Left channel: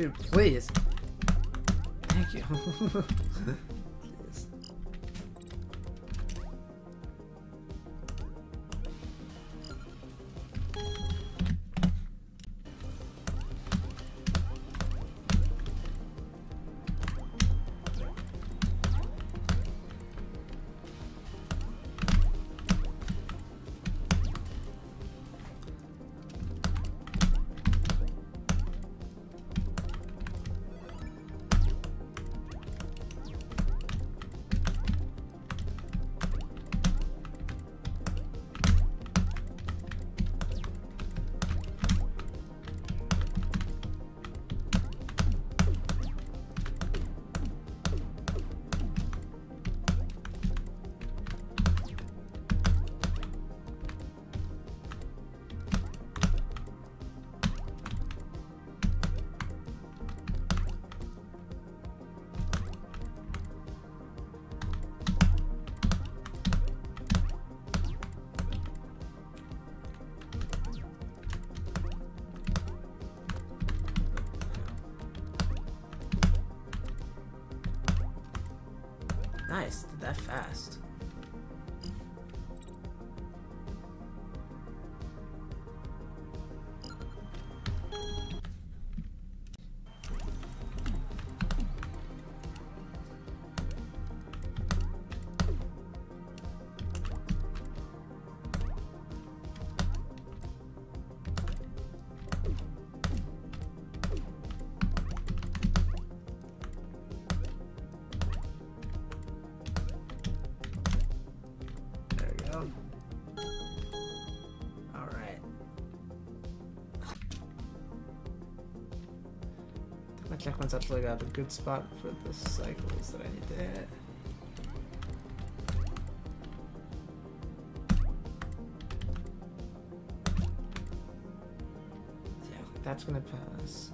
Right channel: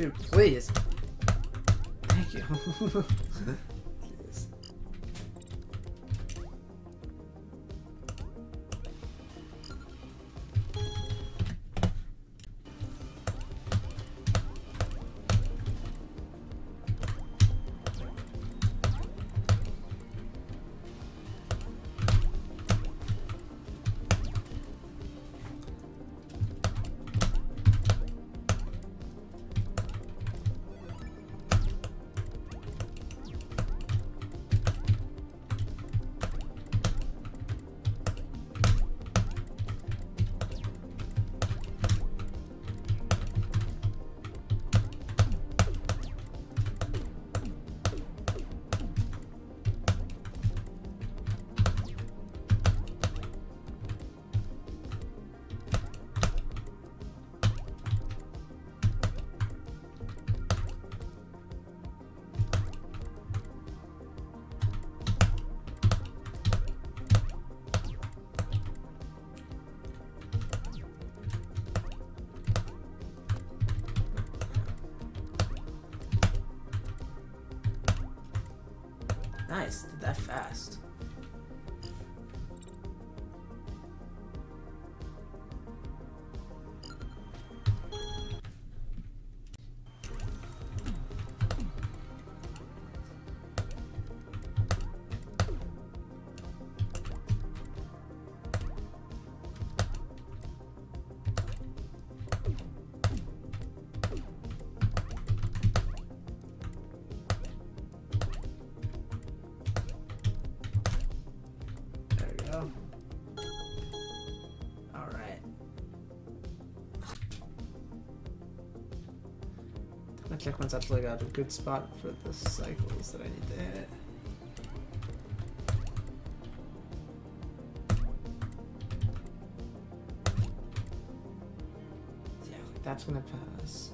Dude, please. Thank you. Jeez. Nice, did that fast. Alright. My checkpoint's actually got a good spot for the cycles that I need to hit. Yeah, that's gonna pass.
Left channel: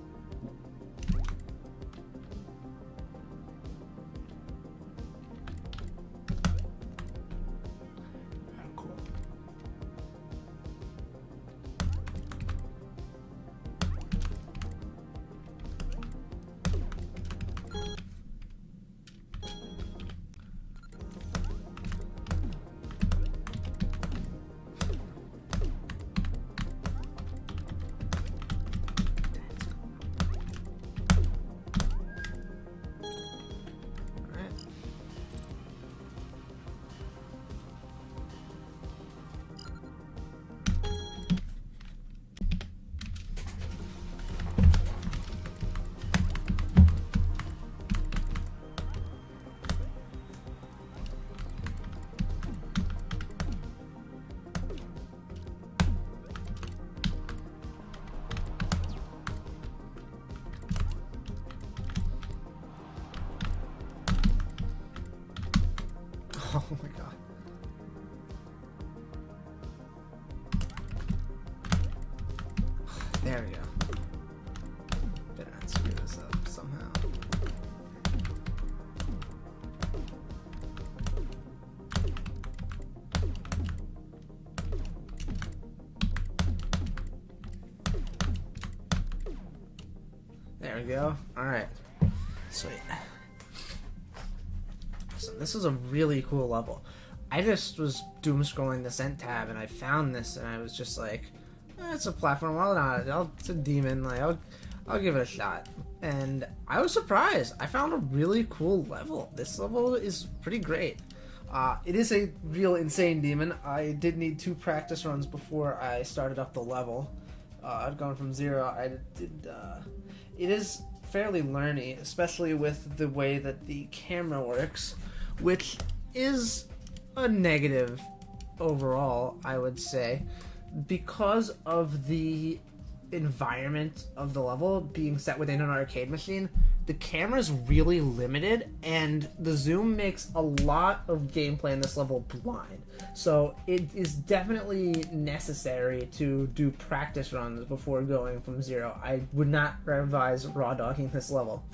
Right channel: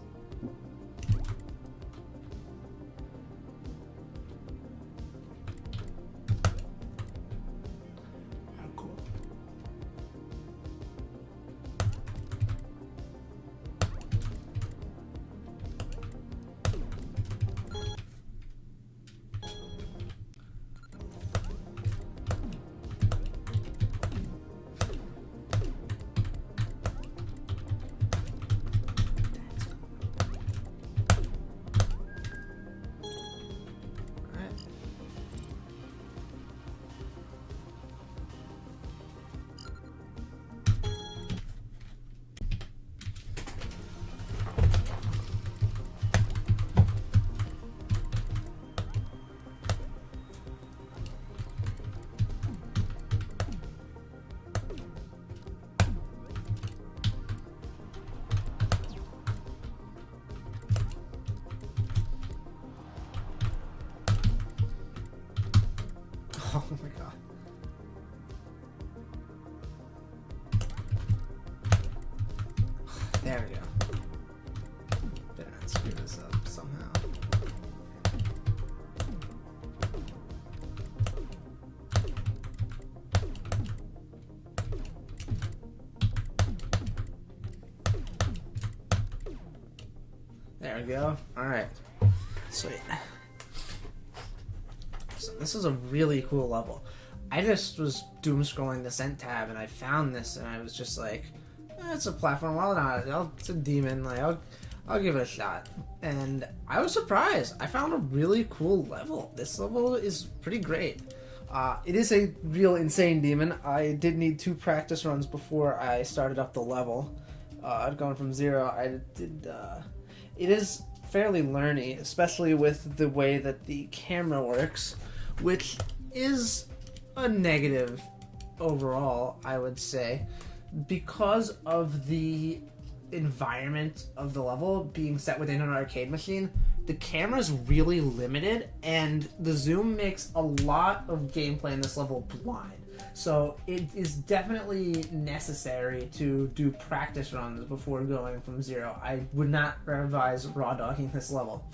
Oh my god. There we go. Better not screw this up somehow. There we go. Alright. Sweet. So this is a really cool level. I just was doom scrolling the Scent tab and I found this and I was just like, it's a platform, why not? It's a demon, like I'll give it a shot. And I was surprised. I found a really cool level. This level is pretty great. It is a real insane demon. I did need 2 practice runs before I started up the level. Going from 0, it is fairly learny, especially with the way that the camera works, which is a negative overall, I would say, because of the environment of the level being set within an arcade machine. The camera's really limited, and the zoom makes a lot of gameplay in this level blind. So it is definitely necessary to do practice runs before going from 0. I would not advise raw dogging this level.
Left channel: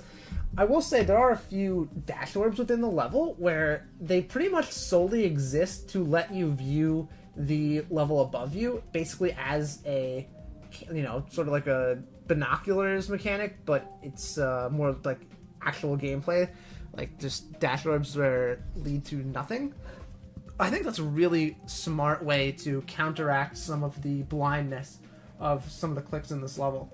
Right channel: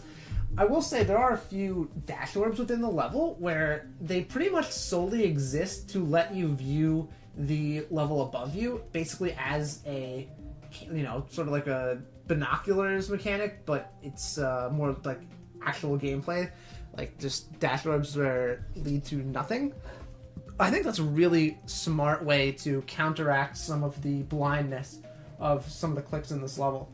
I will say there are a few dash orbs within the level where they pretty much solely exist to let you view the level above you, basically as a sort of like a binoculars mechanic, but it's more like actual gameplay, like just dash orbs where lead to nothing. I think that's a really smart way to counteract some of the blindness of some of the clicks in this level.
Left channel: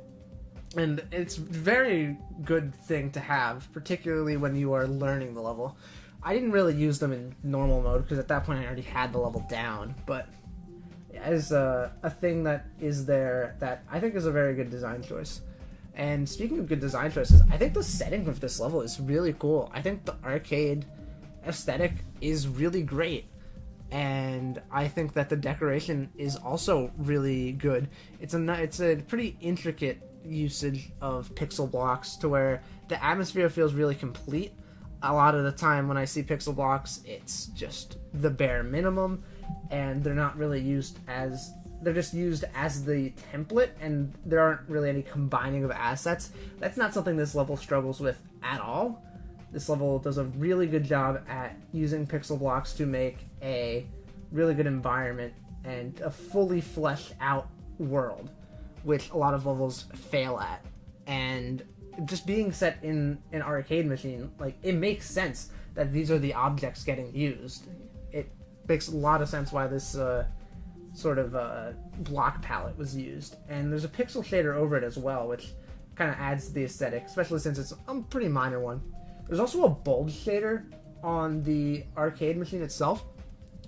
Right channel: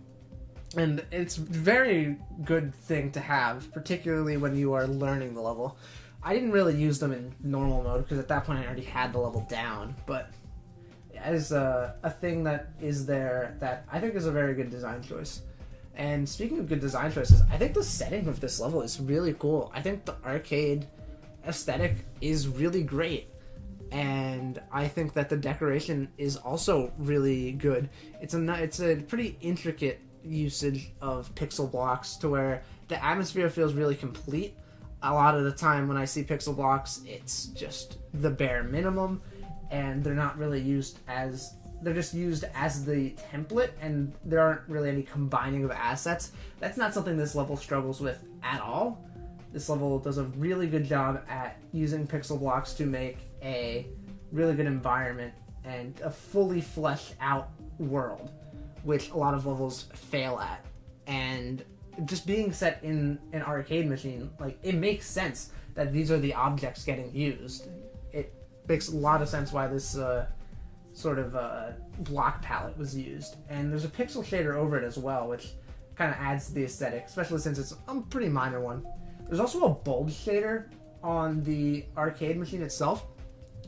And it's a very good thing to have, particularly when you are learning the level. I didn't really use them in normal mode because at that point I already had the level down, but as a thing that is there that I think is a very good design choice. And speaking of good design choices, I think the setting of this level is really cool. I think the arcade aesthetic is really great. And I think that the decoration is also really good. It's a pretty intricate usage of pixel blocks to where the atmosphere feels really complete. A lot of the time when I see pixel blocks, it's just the bare minimum, and they're not really used as... They're just used as the template, and there aren't really any combining of assets. That's not something this level struggles with at all. This level does a really good job at using pixel blocks to make a really good environment and a fully fleshed out world, which a lot of levels fail at. And just being set in an arcade machine, like, it makes sense that these are the objects getting used. It makes a lot of sense why this sort of block palette was used. And there's a pixel shader over it as well, which kind of adds to the aesthetic, especially since it's a pretty minor one. There's also a bulge shader on the arcade machine itself,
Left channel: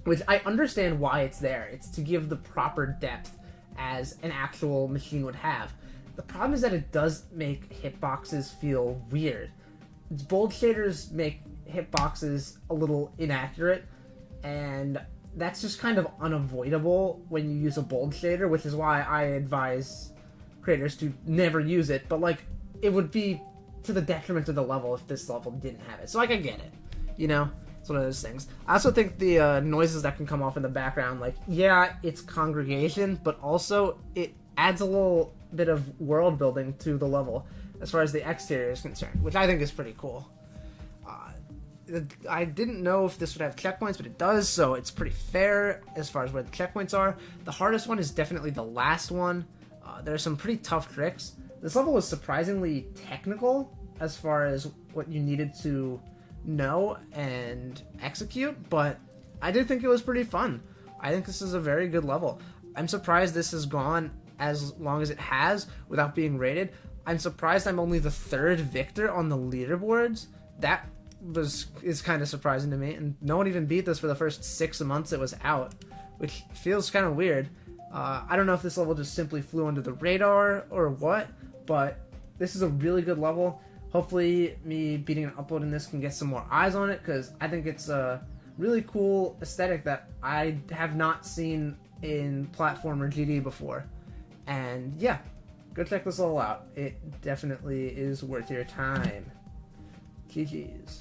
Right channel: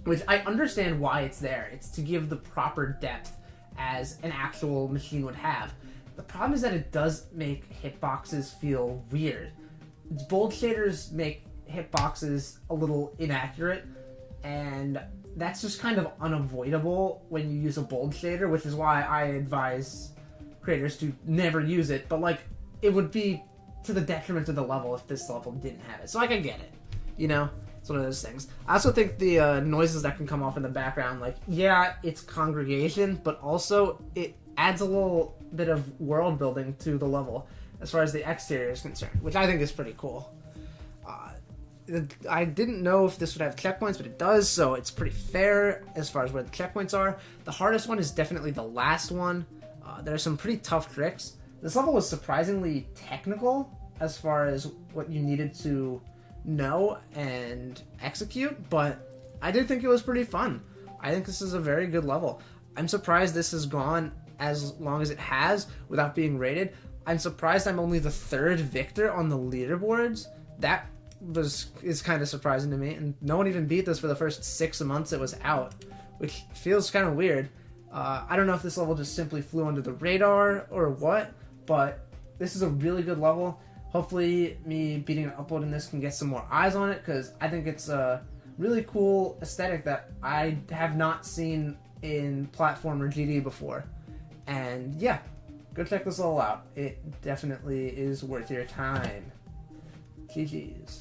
which I understand why it's there. It's to give the proper depth as an actual machine would have. The problem is that it does make hitboxes feel weird. Bulge shaders make hitboxes a little inaccurate, and that's just kind of unavoidable when you use a bulge shader, which is why I advise creators to never use it. But, like, it would be to the detriment of the level if this level didn't have it. So, like, I get it. You know? It's one of those things. I also think the noises that can come off in the background, like, yeah, it's congregation, but also it adds a little bit of world building to the level as far as the exterior is concerned, which I think is pretty cool. I didn't know if this would have checkpoints, but it does, so it's pretty fair as far as where the checkpoints are. The hardest one is definitely the last one. There are some pretty tough tricks. This level was surprisingly technical as far as what you needed to know and execute, but I did think it was pretty fun. I think this is a very good level. I'm surprised this has gone as long as it has without being rated. I'm surprised I'm only the third victor on the leaderboards. That is kind of surprising to me, and no one even beat this for the first 6 months it was out, which feels kind of weird. I don't know if this level just simply flew under the radar or what, but this is a really good level. Hopefully me beating and uploading this can get some more eyes on it, because I think it's a really cool aesthetic that I have not seen in platformer GD before. And yeah, go check this level out. It definitely is worth your time. GG's.